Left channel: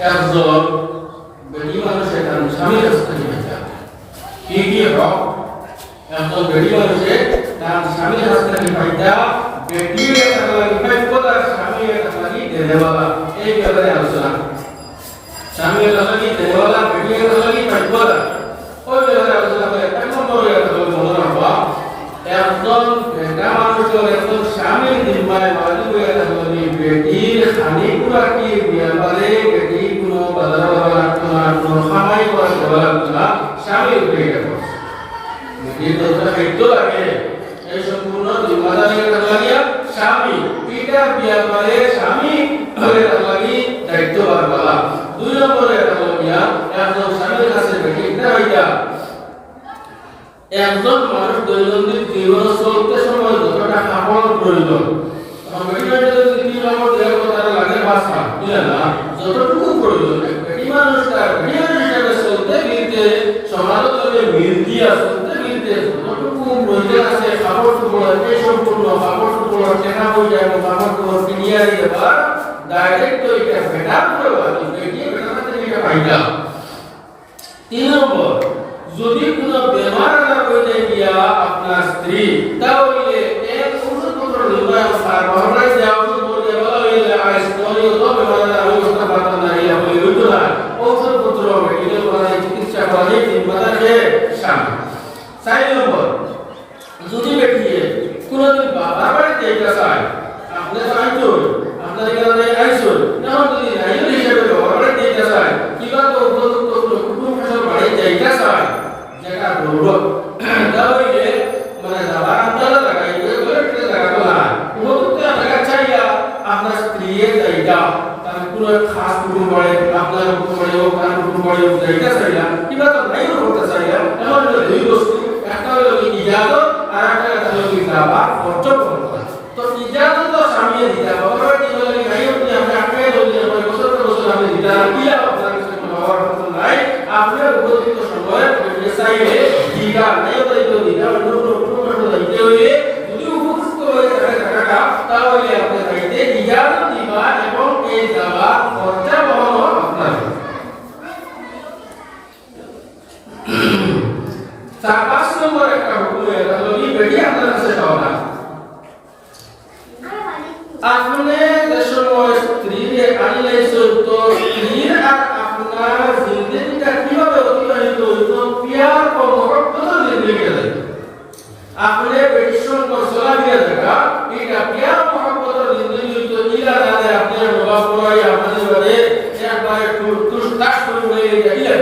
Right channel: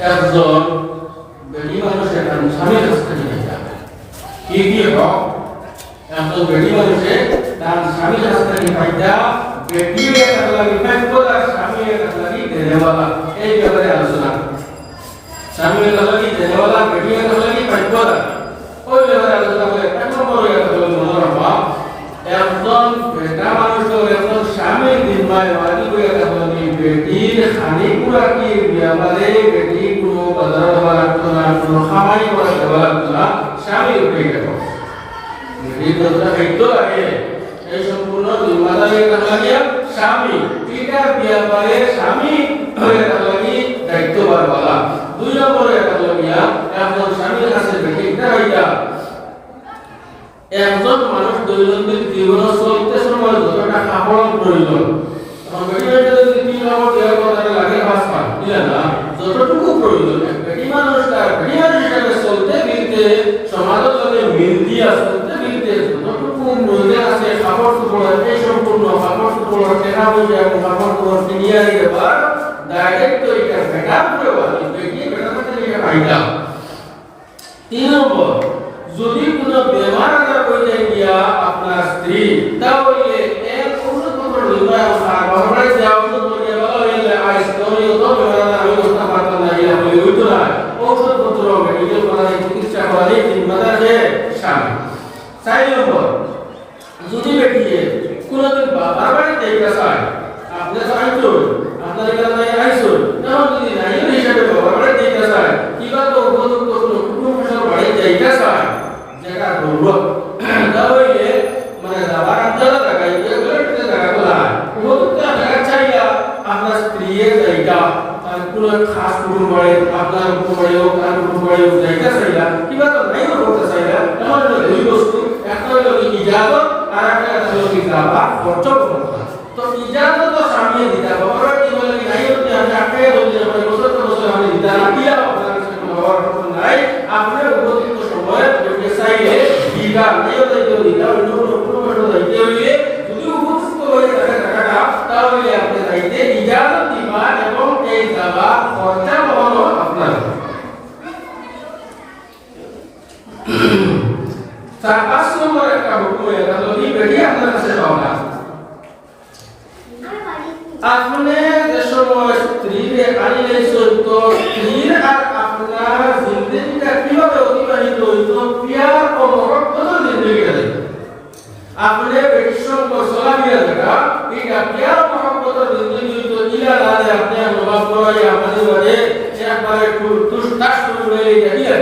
একজন বেটি মানুষ একটা স্বামীর কাছ থেকে নিতে। হবে কি কি হক একজন বেটি মানুষে তার স্বামীর কাছ থেকে পাইতা বেটির diperintah itu lagi এই সম্পূর্ণ নির্মাণের লাগিয়া স্বামী, তিনটা বিয়া করে স্বামী করে লাগি দায়িত্ববার বালা দুই নম্বরে লাগিয়া একজন স্বামীর কাছে বেঠিক না হইয়া। একজন মানুষ দৈনন্দিন জীবন চলতে সময় যতটা কাপড় প্রয়োজন, তখন বেটি বেটি যদি তিন কাপড় দেওয়ার কথা লাগে পাঁচ কাপ বুঝলেন না? যতটুকু প্রয়োজন বেটি মানুষটা বেটি মানুষ হিসাবে চলতে মিলতে সমাজে মিলতি আছে ব্যক্তির যতটুকু রোজগার আছে কাপড় চোপড় এ সম্পূর্ণ কাপড় চোপড় কেনা বই এবং কাপড় চোপড় কিনিয়া নিতে পার ডাইরেক্ট এটা ভেটা করে আমি দেখি ভেটার সাথে এটা পাইলাম। তিন নম্বর, যদি কোনো বেমার আজার হয়ে গিয়া আপনার স্ত্রী, তাহলে এক ওষুধপত্র নিবাস আর বাংলায় যে ওষুধপত্র সাইড নম্বর যদি বেটিয়ে কোনোদিন বাবার বাড়িতে গেছে আপনি তো আইতো আপনার উপযুক্ত সময়ে চাইলে Australia,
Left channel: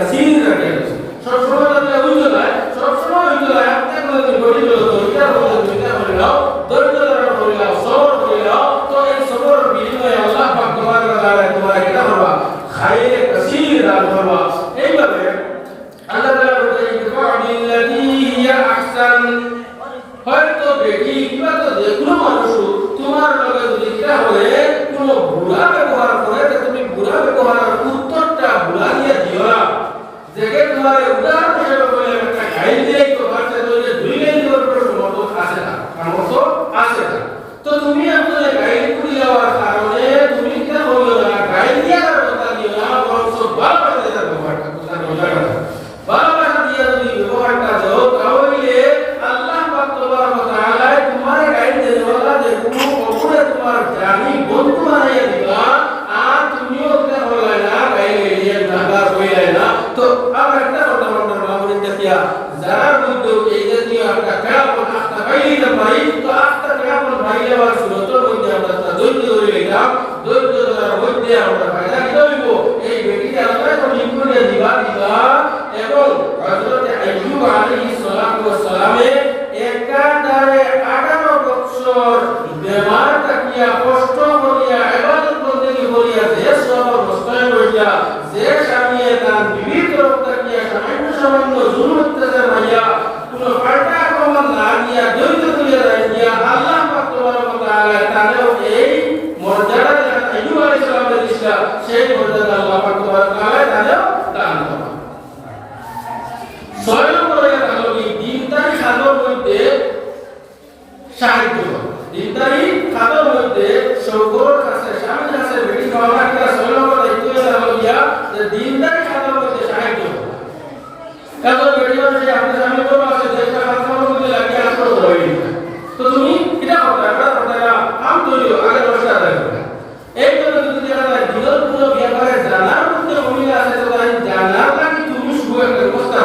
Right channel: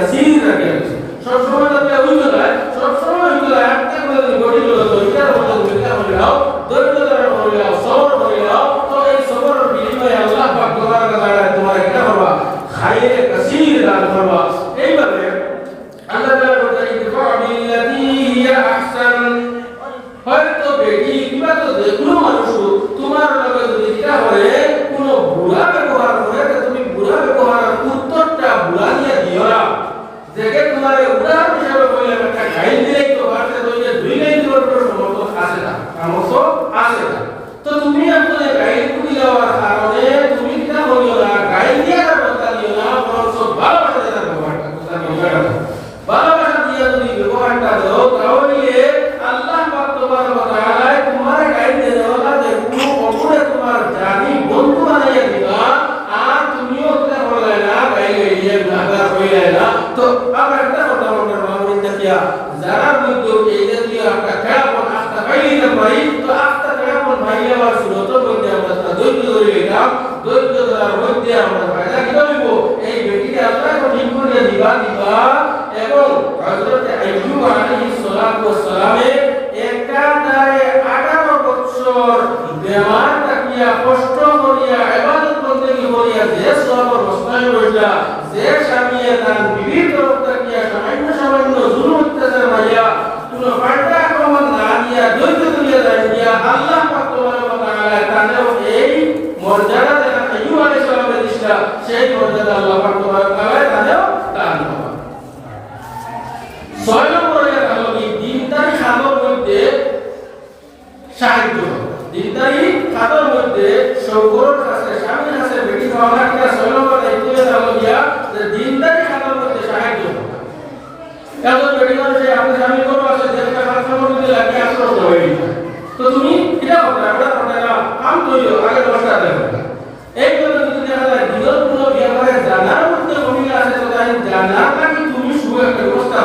কাসীর রাখা হয়েছে সবসময়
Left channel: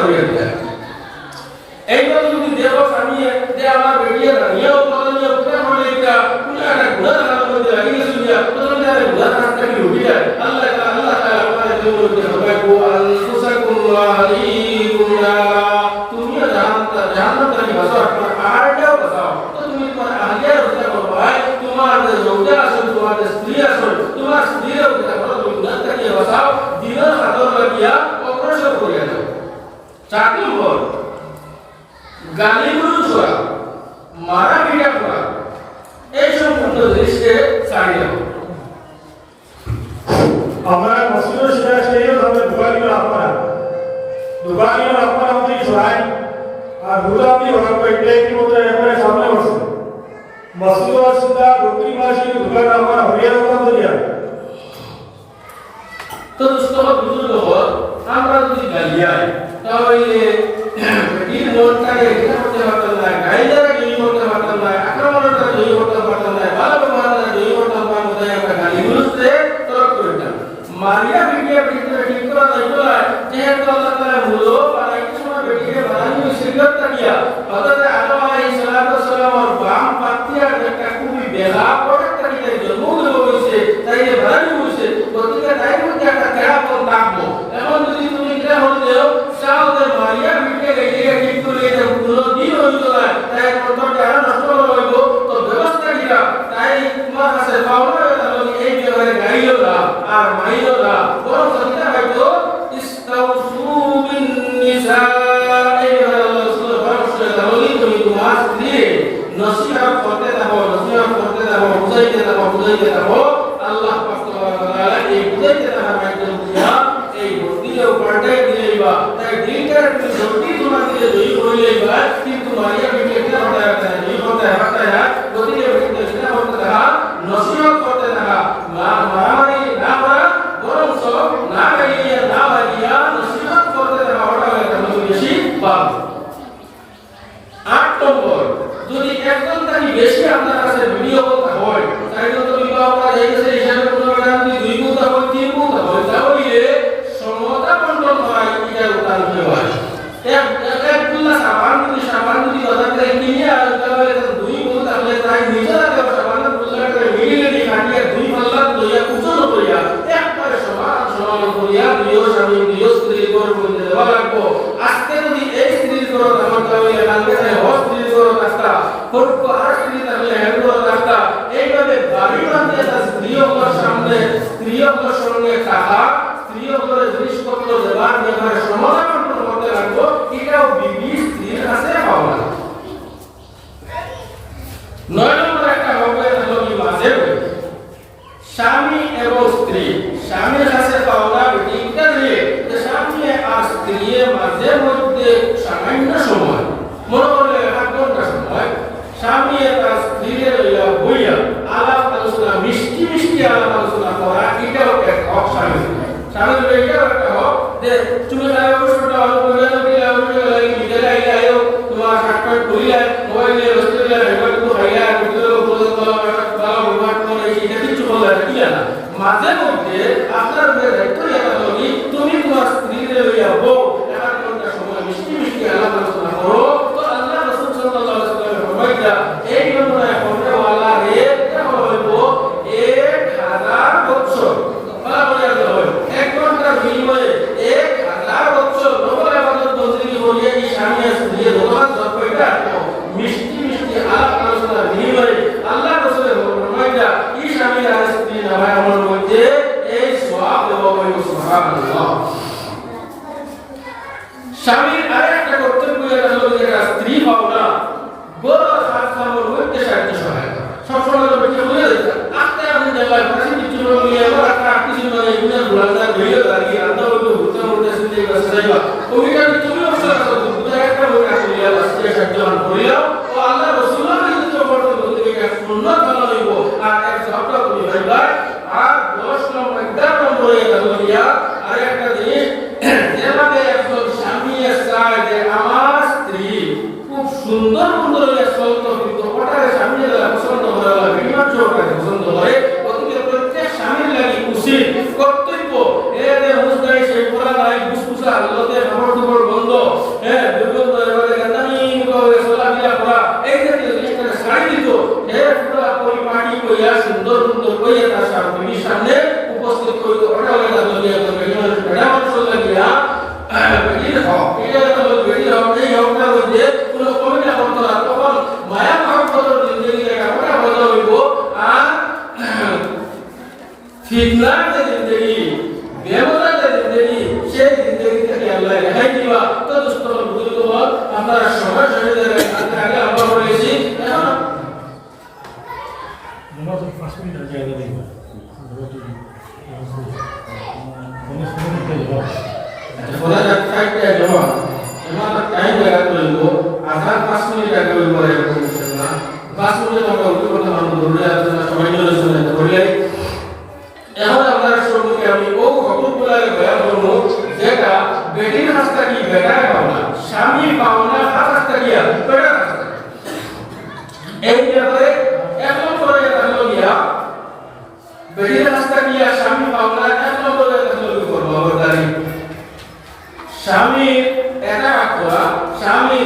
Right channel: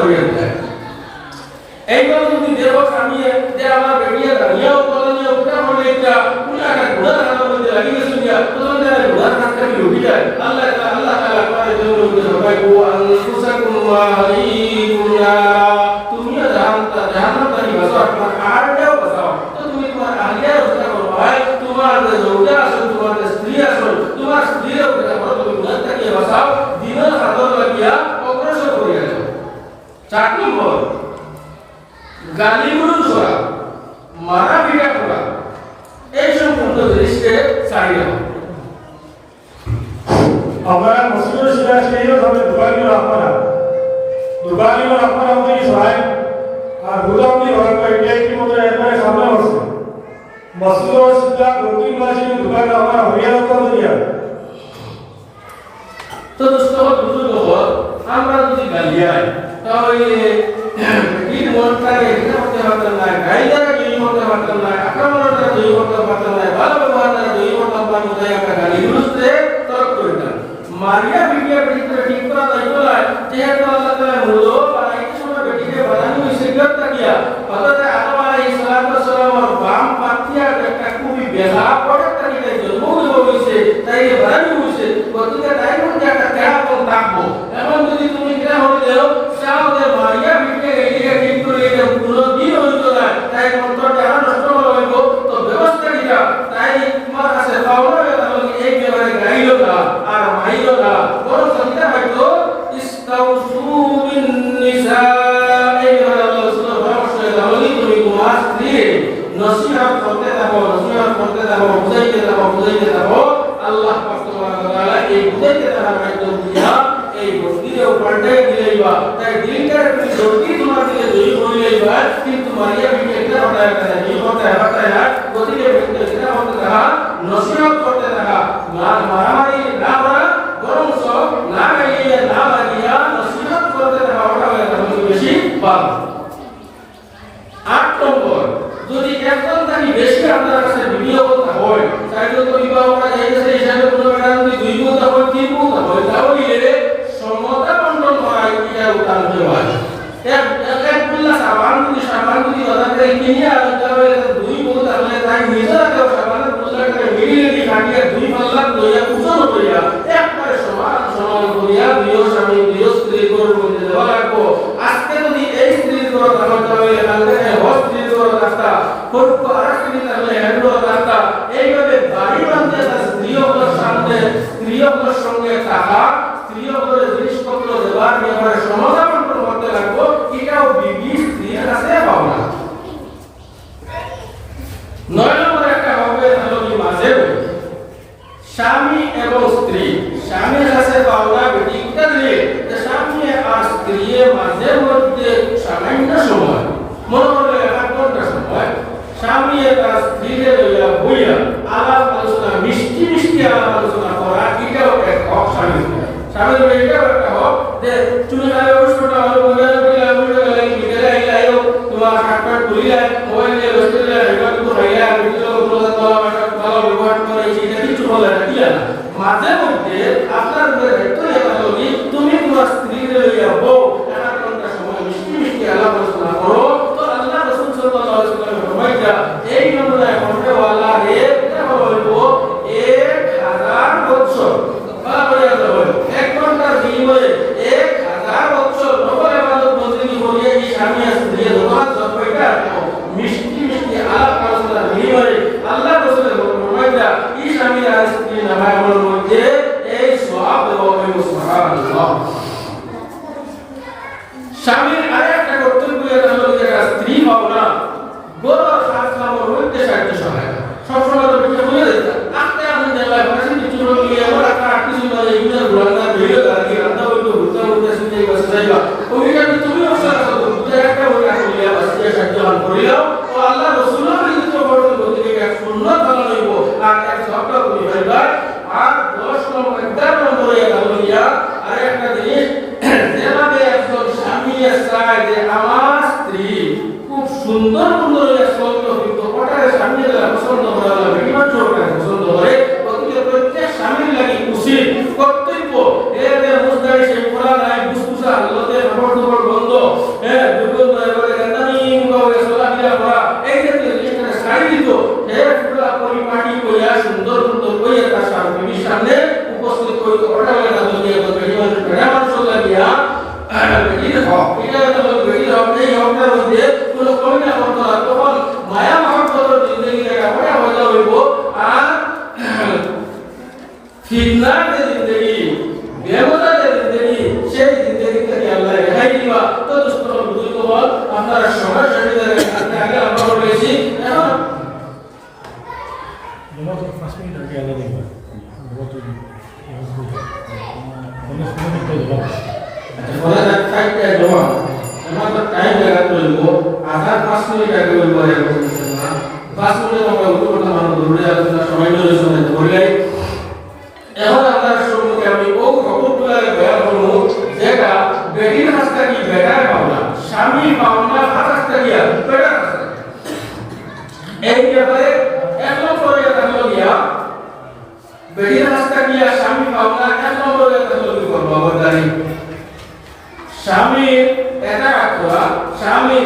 soberbia ಅರ್ಪಣಾಂತರಿ ಸಹಾಯ ಆ ಗುಲಾಮಿ ಹೊರಗೆ ಇಟ್ಟುಕೊಂಡ್ರೆ ಎಮ್ಮನೆ ಸಾಮಾನ್ಯ ವರ್ಷ ಮಸೂದ ಸಿದ್ಧ ಗೊತ್ತಿ ಭಾಷೆ ದುಕಾನ ಅವರ ಹೊಗೆಯ ತಂದಿದೆಯ तो दोस्तों बुज़ुर्ग हो हम रात दिन गलिया है तो ये तीन मोल का ये আট নম্বর যদি একজন থাকি বেশি আপনারা buraya এই ব্যাপারে এক নম্বরে হলো গিয়া বেহির স্বামী পাওনা এক নম্বরে হলো কি স্বামী এটা রাখা হ্যাঁ? স্বামী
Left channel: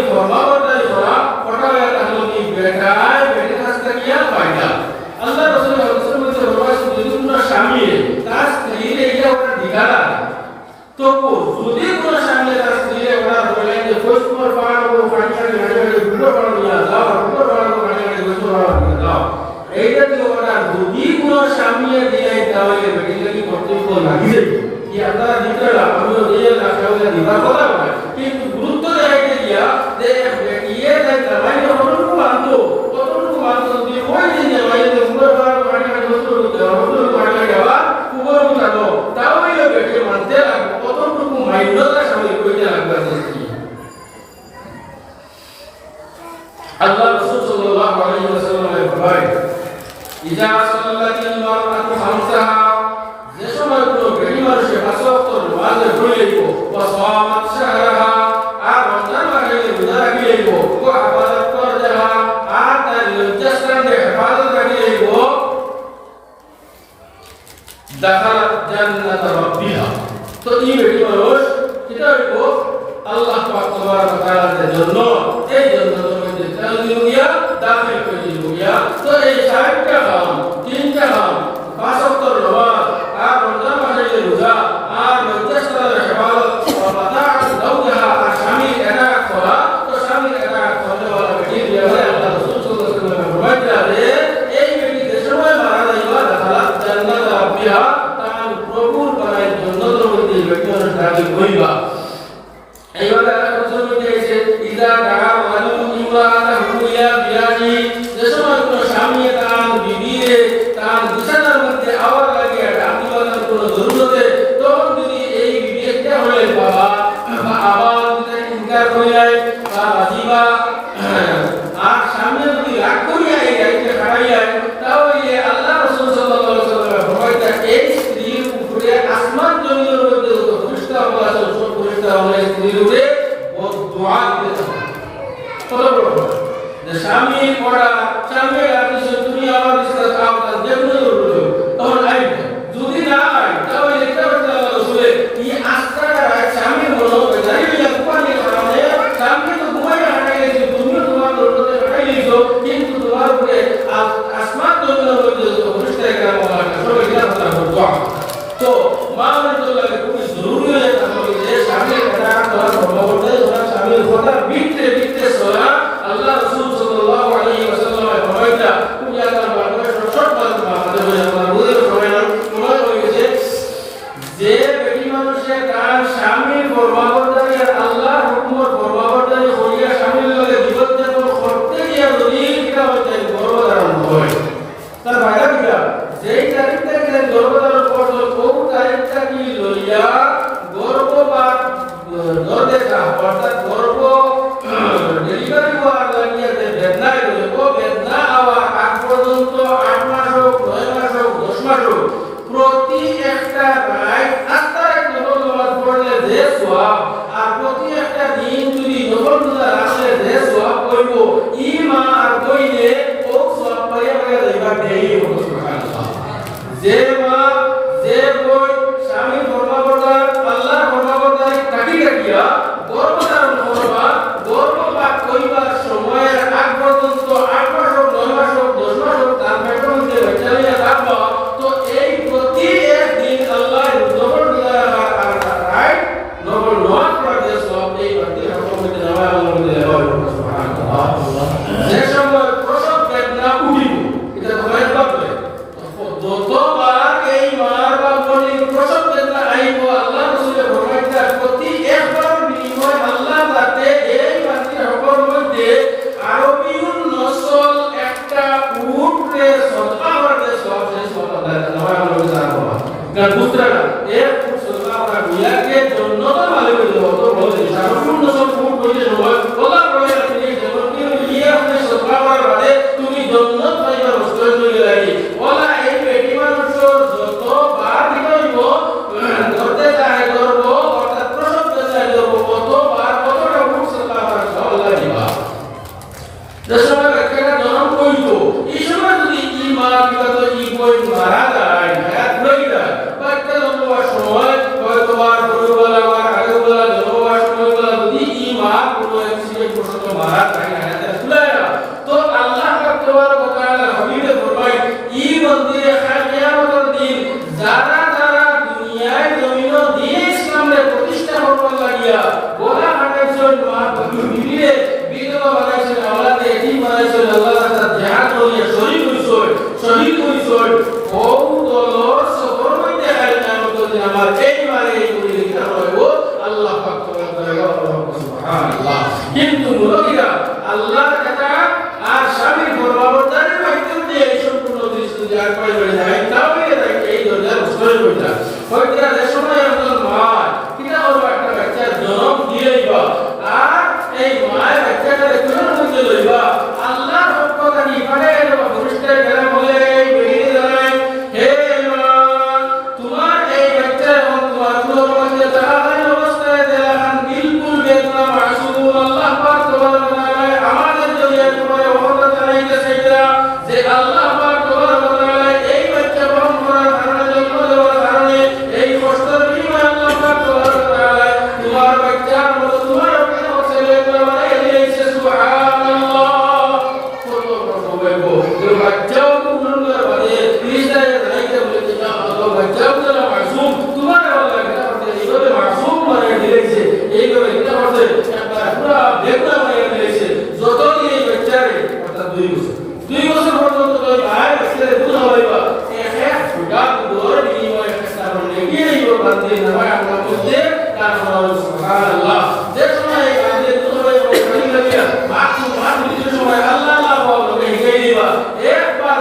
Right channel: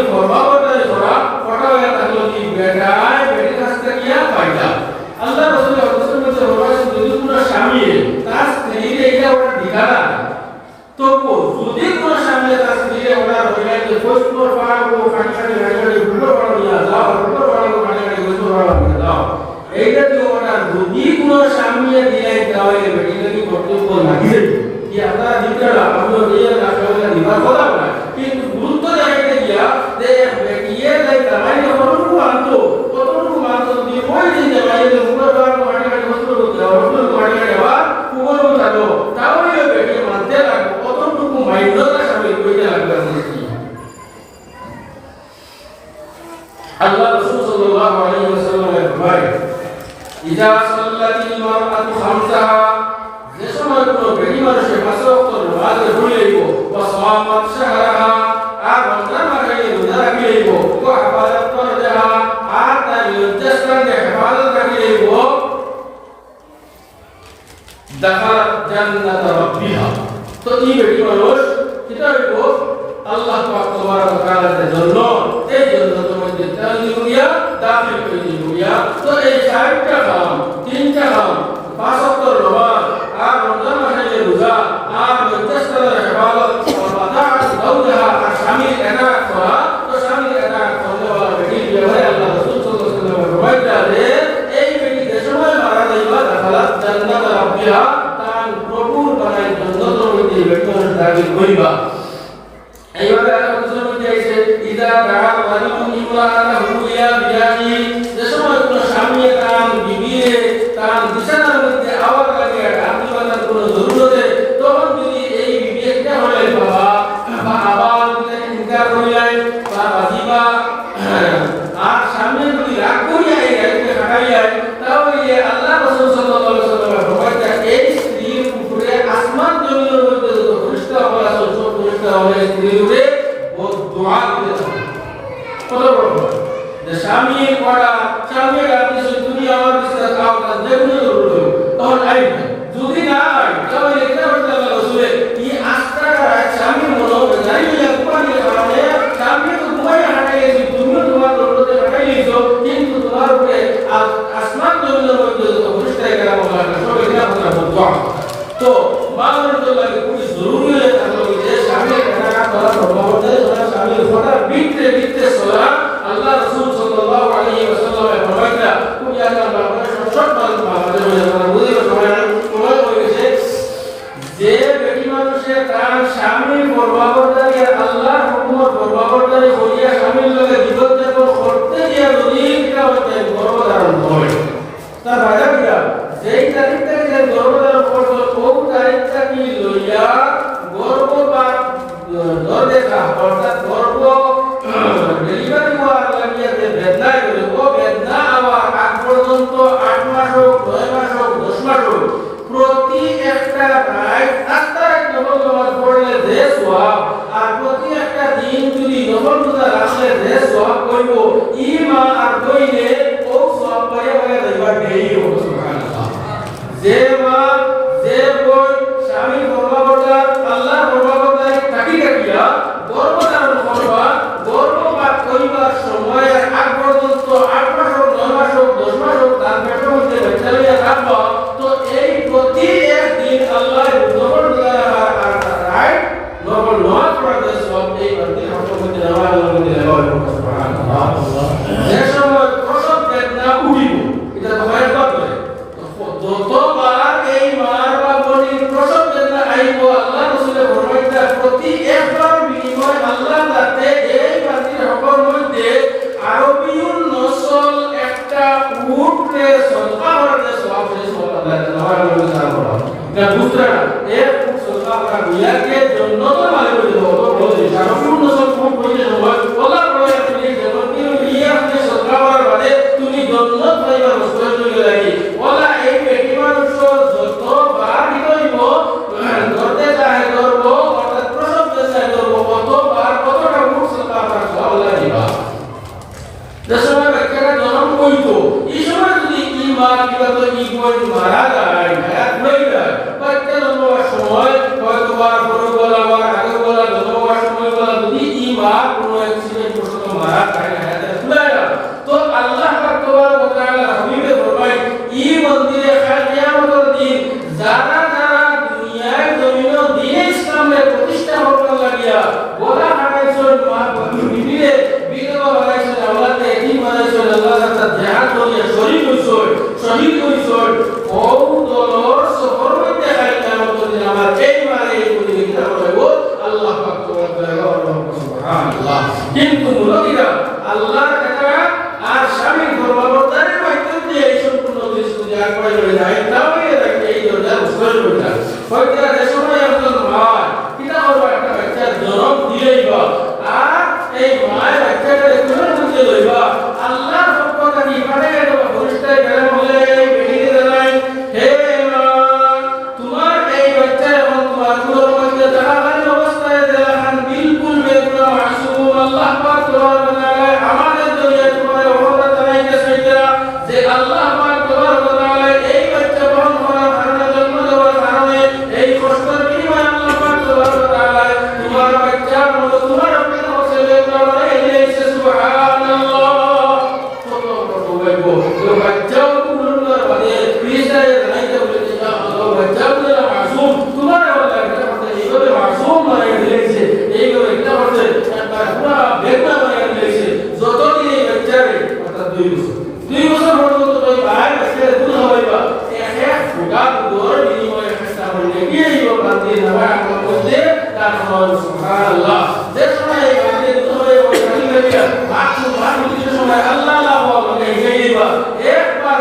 더 yeah. 사람 செய்யும் का दुसरा Zara. এই লোকটি নারায়ণ করতে তার সময় সুবহানাল্লাহ যে সময় এই রাতে তোমরা এই কাজ করিয়া মাখু মাখু যে সময় আল্লাহ না বলতে গেইবা একবার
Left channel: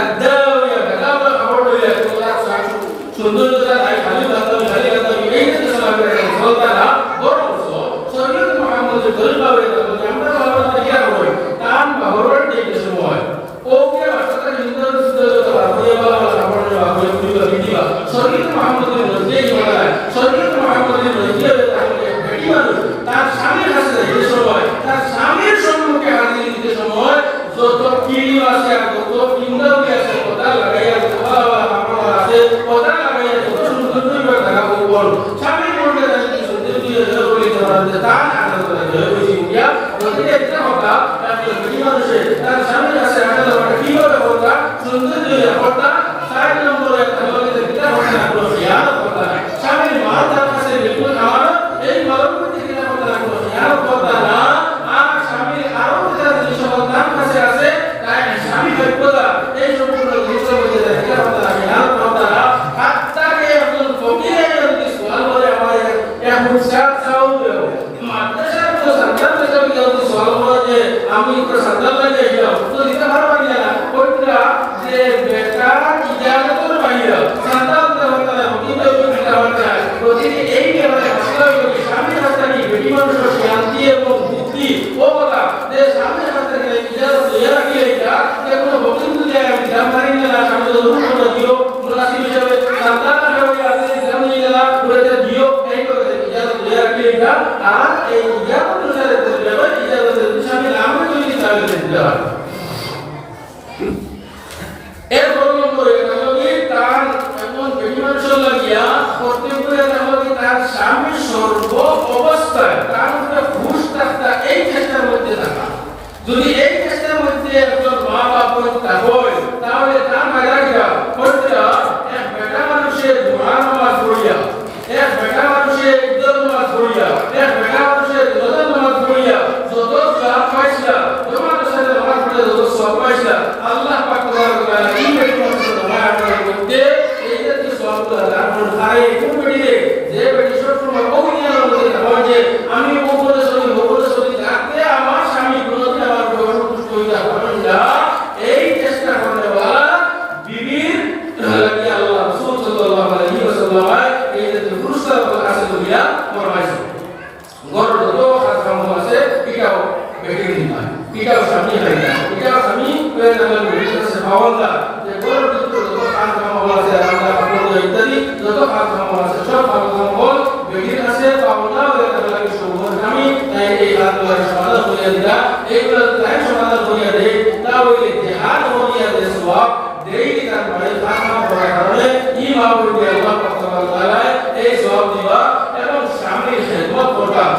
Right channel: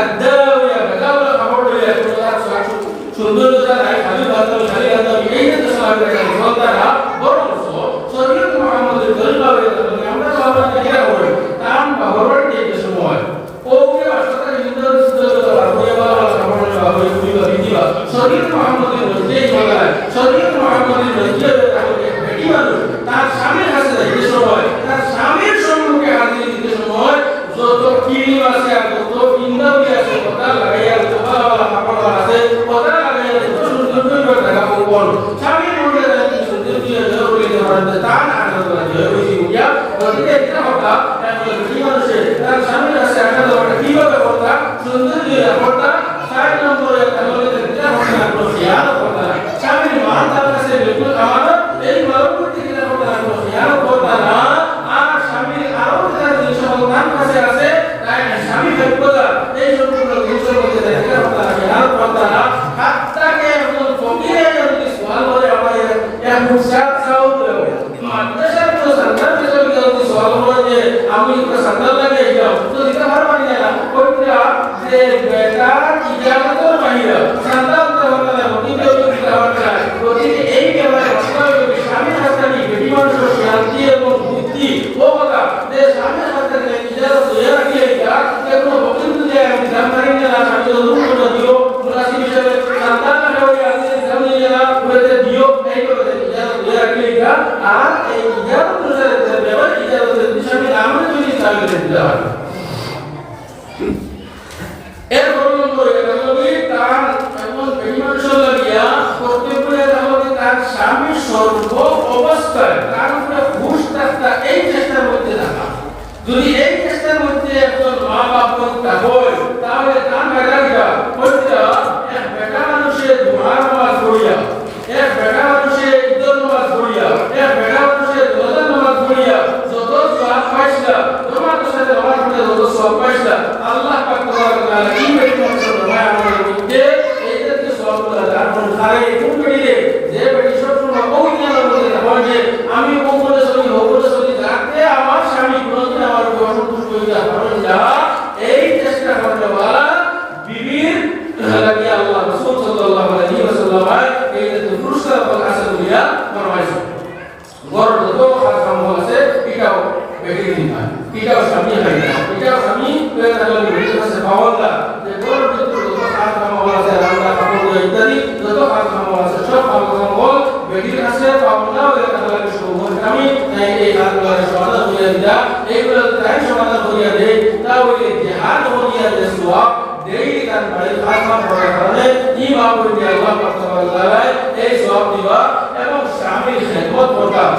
that the agora para সওয়াব ডেইলি তার মানে খাতা পড়ার কারণে ইমাম বলি আল্লাহ পাক তাআলা এই সওয়াব দিবা এবং স্বামীর খেদমত করতাম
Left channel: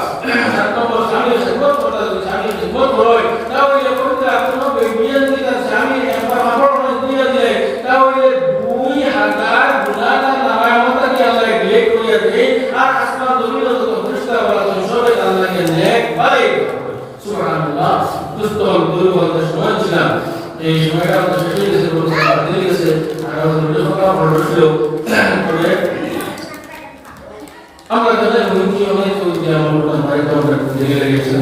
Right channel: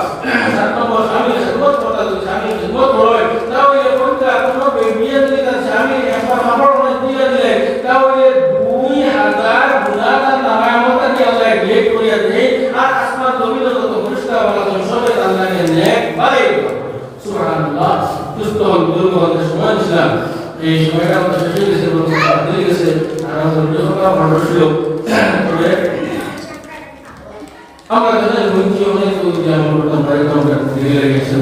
গেছে আমরা জানি অনেক উদ্যান আমরা বাইরে আমরা গেছে